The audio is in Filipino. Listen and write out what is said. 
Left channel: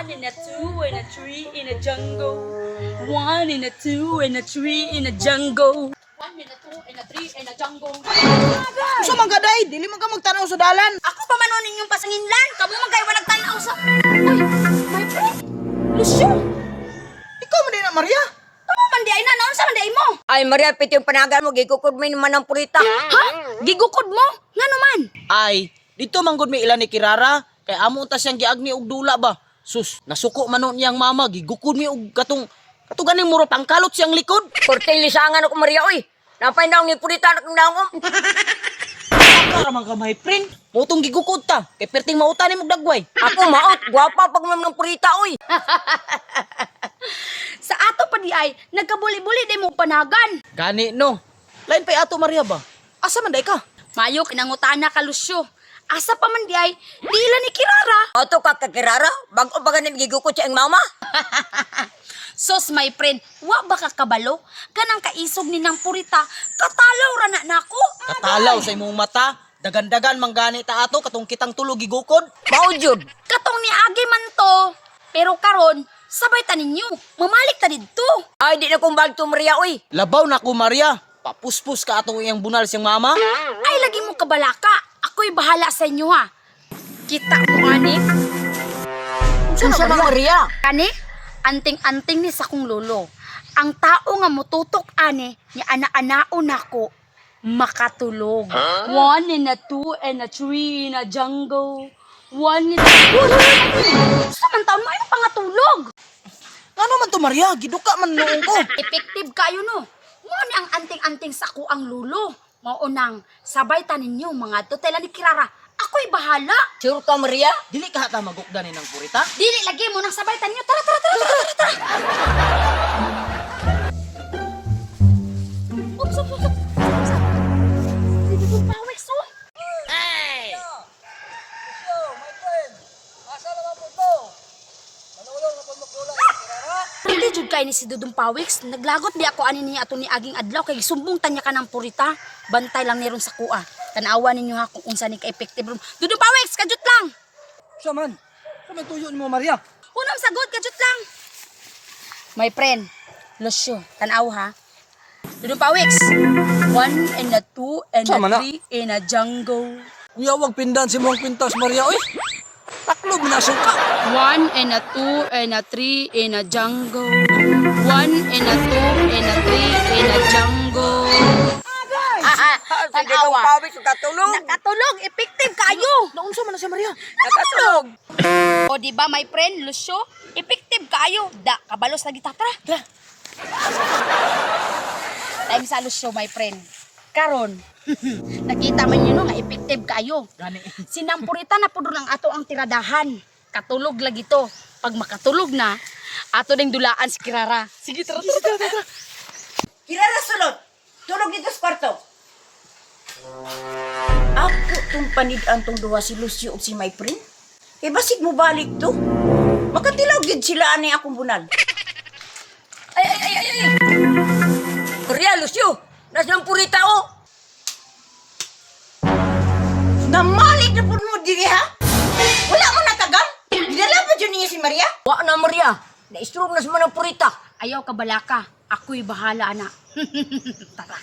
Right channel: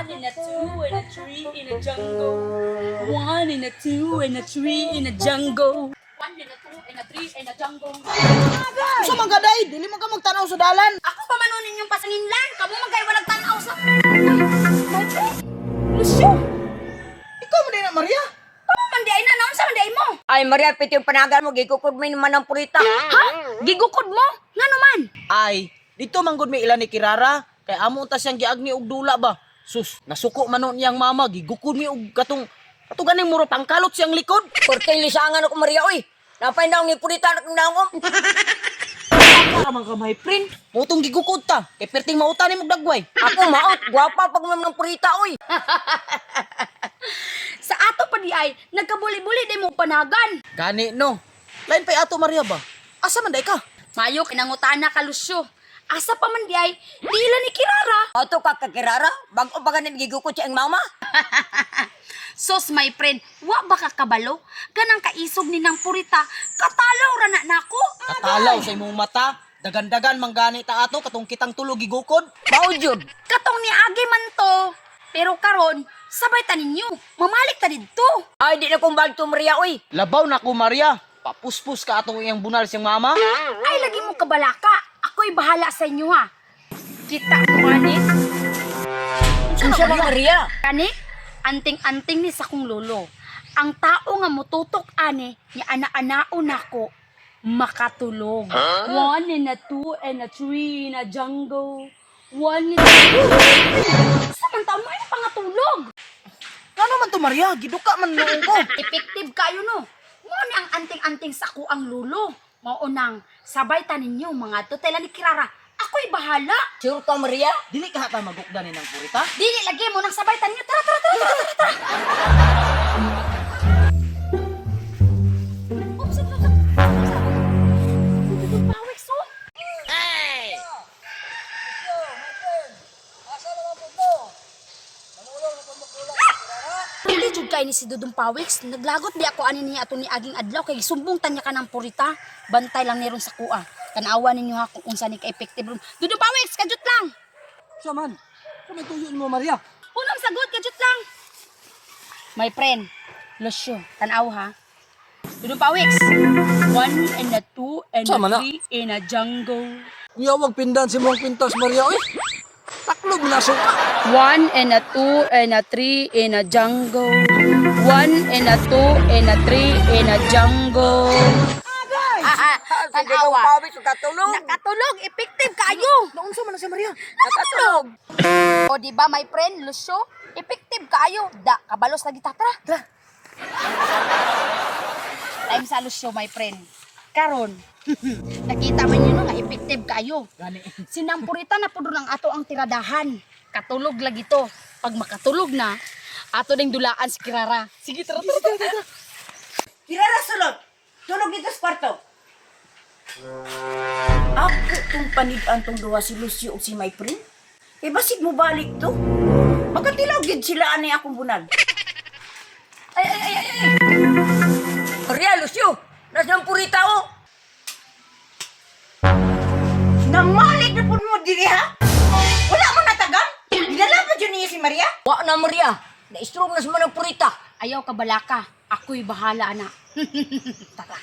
One and a two and a three in a jungle. One and a two and a three in a jungle. One and a two and a three in a jungle. Sa mga gaday, dili mo ka magtanaw sa dalan. Ako pa manunin yung pasanginlan. Kamu magkaiwa nagtanaw sa... My friend. Lucio. Ikaw man din na, Maria. Kamu man di ay na. Naon sa man di ay mo? Ay, Maria, piti yung panagan mo. Gikukod mo naman ng purita. Ha? Gigukod mo? Nga naman. Ay, dito manggod may ilan ni Kirara. Kay amo ta siyang giagni og dula ba. Sus, nasuko manon niyang mama. Gigukod mi og katong ganing muro pangkalot siyang likod. Kurtay lisangan ako, Maria, oy. Napay daw ni purita na kong daong. Para man ka my friend. Motong gigukod ta. Kay perting mauta ni mong dagway. Ako, maot. Guwapa pag ng purita, oy. Sa ato pa di ay, nagkabuli-buli di mo panagan. Gani no. Lain pa'y ato Maria ba? Asa man day ka? Mayo, kinangutana ka, Lucio. Asa pa man di ay, dila ni Kirara. Ato ka kakirara. Bago pa ganin gigukod siya ang mama. Sos, my friend, wa ba ka kabalo? Ganang kaisog ni nang purita, katalaw ra na nako. Katalaw sa imong mata. Dagan-dagan manggani ta ato katong kitang tulog gigukod. Bao, Jud. Katong ni Agi man to. Pero karon, sabay ta ninyo. Mamalik ta didto. Ay, di na kong bagto, Maria, oy. Labaw na ko Maria. Papuspus ka atong iyang bunal siyang mama. Ay, lagi mo kabalaka. Ako'y bahala sa inyo ha. Kita mo, ani? Unsa man, Maria? Kani, anting-anting ni sa kong lolo. Ang tao nga mututok ani, ni ana-anao nako, makatulog. One and a two and a three in a jungle. One and a... Samantaon mo yung pangatulog. Ano man to Maria? Giduka man noong ko. Effective kayo no. Mo ni ang anting-anting sa ko ang lulo. Maunang sabay ta ninyo mga tutela ni Kirara. Ako'y bahala. Sure ka, Maria? Dili ka hata magukda ni ng purita. Dili lagi mo nang sabay ta ninyo. Tara, tara, tara, tara, tara, tara. Oops, oops, oops. Dududong pawis, oh. Hindi jud kay ni si Dudong Pawiks. Naglagot di ako ani niya ato ni aging adlaw kay sumbong tanya ka ng purita. Bantay lang niron sa kuha. Tanawa ninyo ha kung unsa ni ka-effective ron. Dudong Pawiks, kajut lang. Siya man. Kung tuyo ni mo Maria. Unang sagot, kajut lang. My friend, Lucio, tanaw ha. Dudong Pawiks. One and a two and a Sama na. three in a jungle. Kuya, wag pindan si mong pintas Maria. Oy, taklob na suka. One and a two and a three in a jungle. One and a two and a three in a jungle. Tanawa. Katulog. Nakatulog, effective kayo. Naunsa man na si Maria? Nakatulog. O di ba my friend, Lucio? Effective kayo. Da, kabalos lagi ta. Tara. Tara. Time sa Lucio, my friend. Karon, nakita man yun no, nga effective kayo. Gani. Sinampurita na po doon ang ato ang tiradahan. Katulog lagi to. Pag makatulog na, ato ding dulaan si Kirara. Sige, tara, tara, tara, tara. Kirara, sulod. Tulog dito sa kwarto. Ako tong panid-an tong duha si Lucio ug si my friend. Eh basig mo balik to. Makatilaw gid sila ani akong bunal. Ay. Maria, Lucio, nasaan purita o? Namalig na po mo diri ha? Wala mo natagang? Dinala mo dyan niya si Maria? Wa na, Maria. Na-stroke na sa manang purita. Ayaw ka balaka. Ako'y bahala, anak. Tara.